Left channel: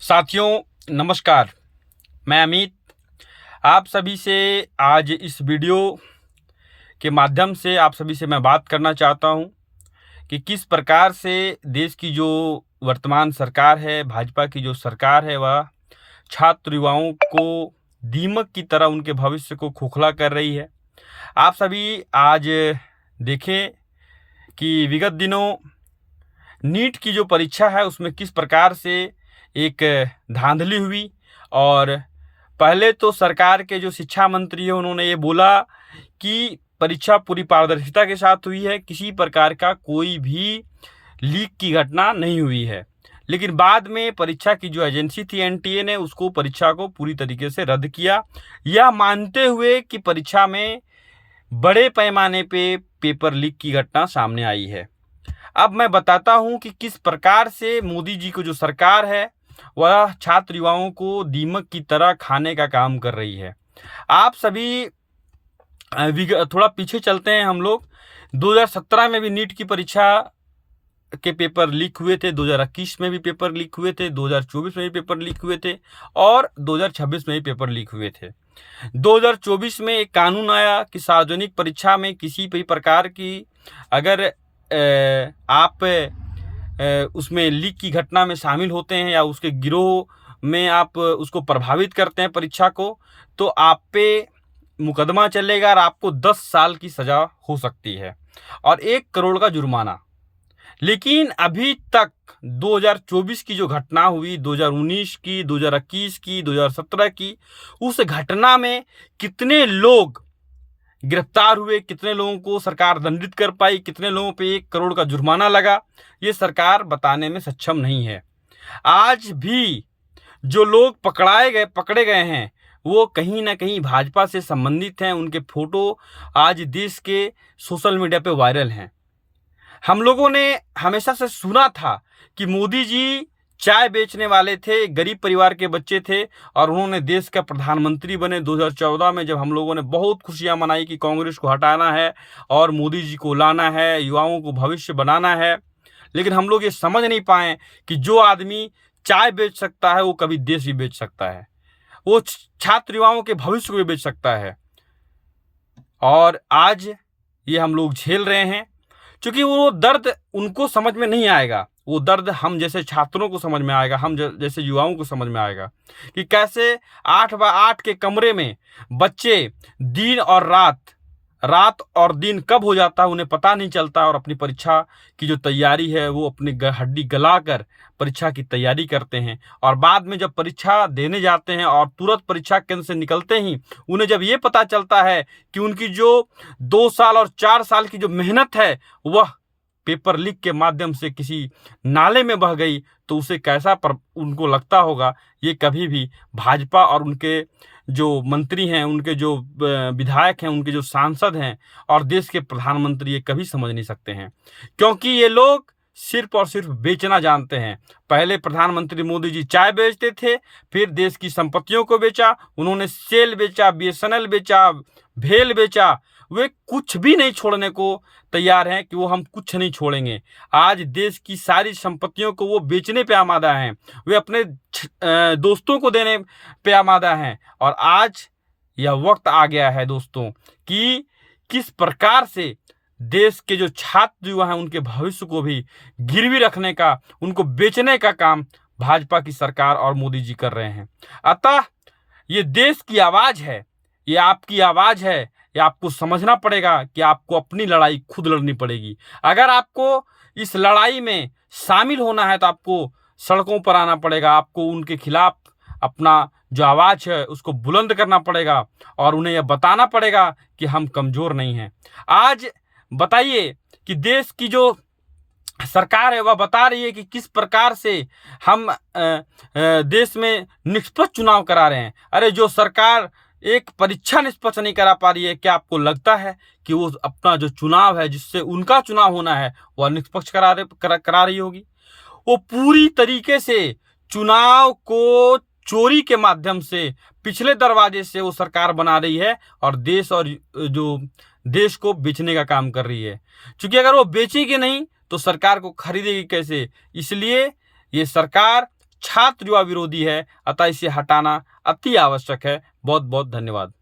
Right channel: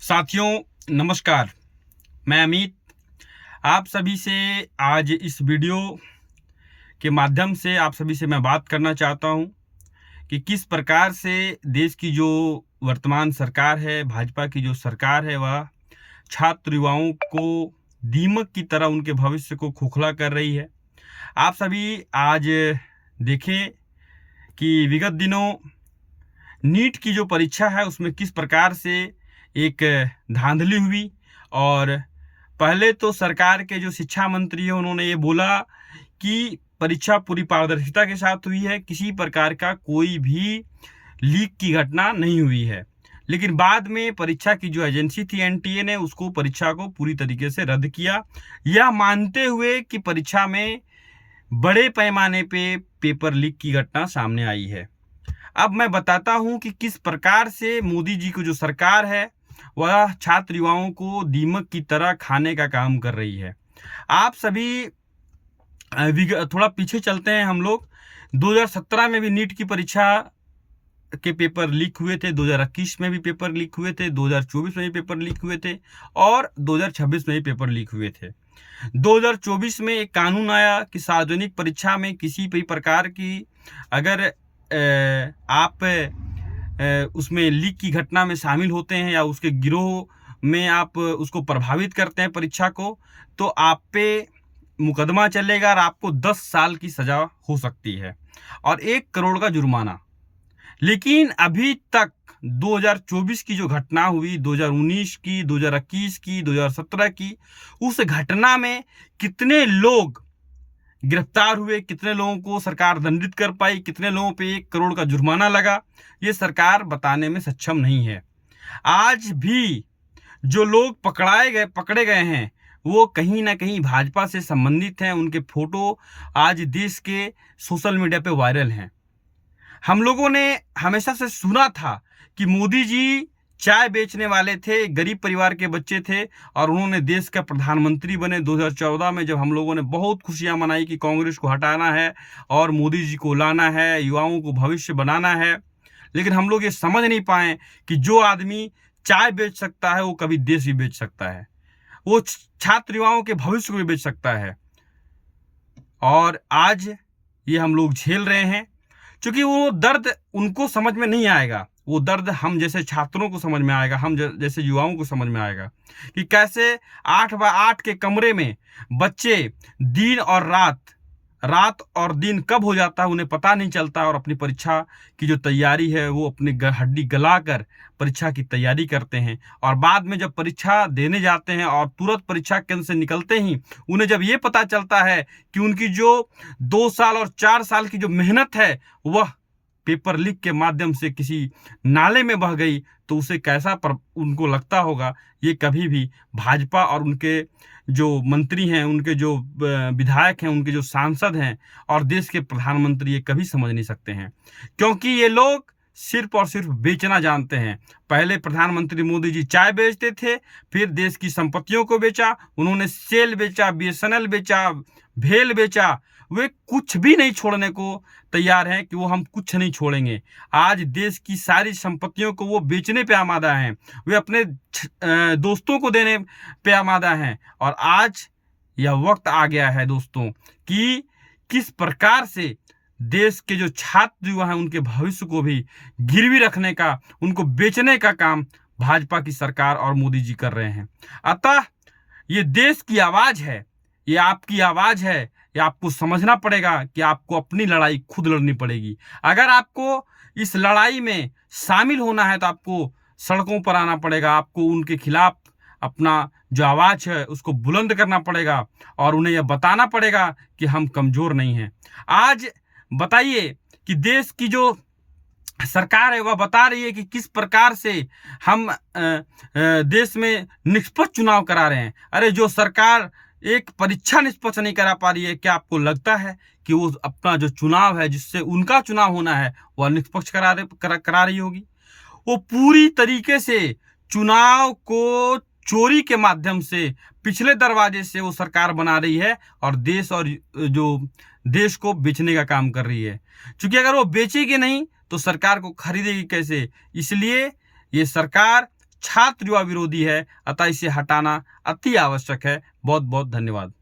साथियों नमस्कार। मैं अमित आप सभी से आज इस वीडियो के माध्यम से आप सभी से मैं बात करना चाहता हूं कि किस प्रकार से देश की जो वर्तमान सरकार है, भाजपा की जो सरकार है, वह छात्र युवाओं को दीमक की तरह उनके भविष्य को खोखला कर रही है। आप सभी आज देखें कि विगत दिनों नीट की जो परीक्षा है उसमें किस प्रकार से एक धांधली हुई। और पहले तो सरकार के जो शिक्षा मंत्री है उन्होंने ये बोला कि परीक्षा पूरी पारदर्शिता के साथ हुई है, किसी प्रकार का कोई भी लीक की घटना नहीं हुई है। लेकिन बाद में परीक्षा की जो एजेंसी थी एनटीए ने उसको परीक्षा को पूरी तरीके से रद्द किया, यह मानते हुए कि परीक्षा में बड़े पैमाने पे पेपर लीक की घटना सामने आई है। अब मैं बताता हूं कि किस प्रकार से मोदी जी की जो सरकार है वह छात्र युवाओं को दीमक की तरह खाने का काम कर रही है। आप सभी थोड़ा पीछे चलते हैं हम लोग। 2017 में भी नीट की परीक्षा के पेपर लीक हुए थे, 2021 में भी पेपर लीक हुए थे, 2024 में भी पेपर लीक हुए थे और 2026 में भी पेपर लीक हुए थे। 2024 में एक कानून आया कि सार्वजनिक परीक्षा में किसी भी प्रकार की अगर आप उसमें लीक की घटना में शामिल होते हैं या उसके गिरोह में आप उसको प्रभावित करते हैं परीक्षा को, तो आप पे मुकदमा चलेगा और आपको 10 साल की सजा हो सकती है और 1 करोड़ का जुर्माना। लेकिन अभी तक 2024 की जो घटना हुई, 2019 की, 2021 की, 2017 की, उस घटना में कितने लोग गिरफ्तार हुए, कितने लोगों को सरकार दंडित कर पाई, कितने लोगों पे 1 करोड़ का जुर्माना लगा, ये सरकार बताने में सक्षम नहीं है। आज भी जो लोग पकड़े गए हैं वो कहीं ना कहीं भाजपा से संबंधित हैं। उनके फोटो आज देश के सोशल मीडिया पे वायरल हैं। हम लोगों ने हमेशा से सुना था कि मोदी जी चाय बेचने वाले थे, गरीब परिवार के बच्चे थे और उन्होंने देश का प्रधानमंत्री बने। 2014 में जब हम लोगों ने बहुत खुशियां मनाई कि कांग्रेस को हटाना है और मोदी जी को लाना है, युवाओं को भविष्य बनाना है, लेकिन हम लोग ये समझ नहीं पाए कि जो आदमी चाय बेच सकता है वो कभी देश भी बेच सकता है, वो छात्र युवाओं के भविष्य को भी बेच सकता है। और आज ये हम लोग झेल रहे हैं क्योंकि वो दर्द उनको समझ में नहीं आएगा, वो दर्द हम जैसे छात्रों को समझ में आएगा, हम जैसे युवाओं को समझ में आएगा कि कैसे 8x8 के कमरे में बच्चे दिन और रात और दिन कब हो जाता है उन्हें पता नहीं चलता और अपनी परीक्षा की जो तैयारी है वो अपनी हड्डी गलाकर परीक्षा की तैयारी करते हैं। और बाद में जब परीक्षा देने जाते हैं और तुरंत परीक्षा केंद्र से निकलते ही उन्हें जब ये पता चलता है कि उनकी जो 2 साल और 4 साल की जो मेहनत है वह पेपर लीक के माध्यम से किसी नाले में बह गई, तो उसे कैसा उनको लगता होगा, ये कभी भी भाजपा और उनके जो मंत्री हैं, उनके जो विधायक हैं, उनके जो सांसद हैं और देश के प्रधानमंत्री ये कभी समझ नहीं सकते हैं। क्योंकि ये लोग सिर्फ और सिर्फ बेचना जानते हैं। पहले प्रधानमंत्री मोदी जी चाय बेचते थे, फिर देश की संपत्तियों को बेचा, उन्होंने सेल बेचा, बीएसएनएल बेचा, भेल बेचा। वे कुछ भी नहीं छोड़ने को तैयार हैं कि वो हम कुछ नहीं छोड़ेंगे। आज देश की सारी संपत्तियों को वो बेचने पे आमादा हैं, वे अपने दोस्तों को देने पे आमादा हैं। और आज यह वक्त आ गया है दोस्तों कि किस प्रकार से देश के जो छात्र युवा हैं उनके भविष्य को भी गिरवी रखने का, उनको बेचने का काम भाजपा की सरकार और मोदी जी कर रहे हैं। अतः ये देश की आवाज है, ये आपकी आवाज है, ये आपको समझना पड़ेगा कि आपको अपनी लड़ाई खुद लड़नी पड़ेगी। अगर आपको इस लड़ाई में शामिल होना है तो आपको सड़कों पर आना पड़ेगा, आपको उनके खिलाफ अपना जो आवाज है उसको बुलंद करना पड़ेगा और उन्हें यह बताना पड़ेगा कि हम कमजोर नहीं हैं। आज बताइए कि देश की जो सरकार है वह बता रही है कि किस प्रकार से हम देश में निष्पक्ष चुनाव करा रहे हैं। अरे जो सरकार एक परीक्षा निष्पक्ष नहीं करा पा रही है, क्या आपको लगता है कि वो अपना जो चुनाव है जिससे उनका चुनाव होना है वह निष्पक्ष करा रही होगी? वो पूरी तरीके से चुनाव को चोरी के माध्यम से पिछले दरवाजे से वो सरकार बना रही है और देश को बेचने का काम कर रही है। क्योंकि अगर वो बेचेगी नहीं तो सरकार को खरीदेगी कैसे? इसलिए ये सरकार छात्र युवा विरोधी है, अतः इसे हटाना अति आवश्यक है। बहुत बहुत धन्यवाद।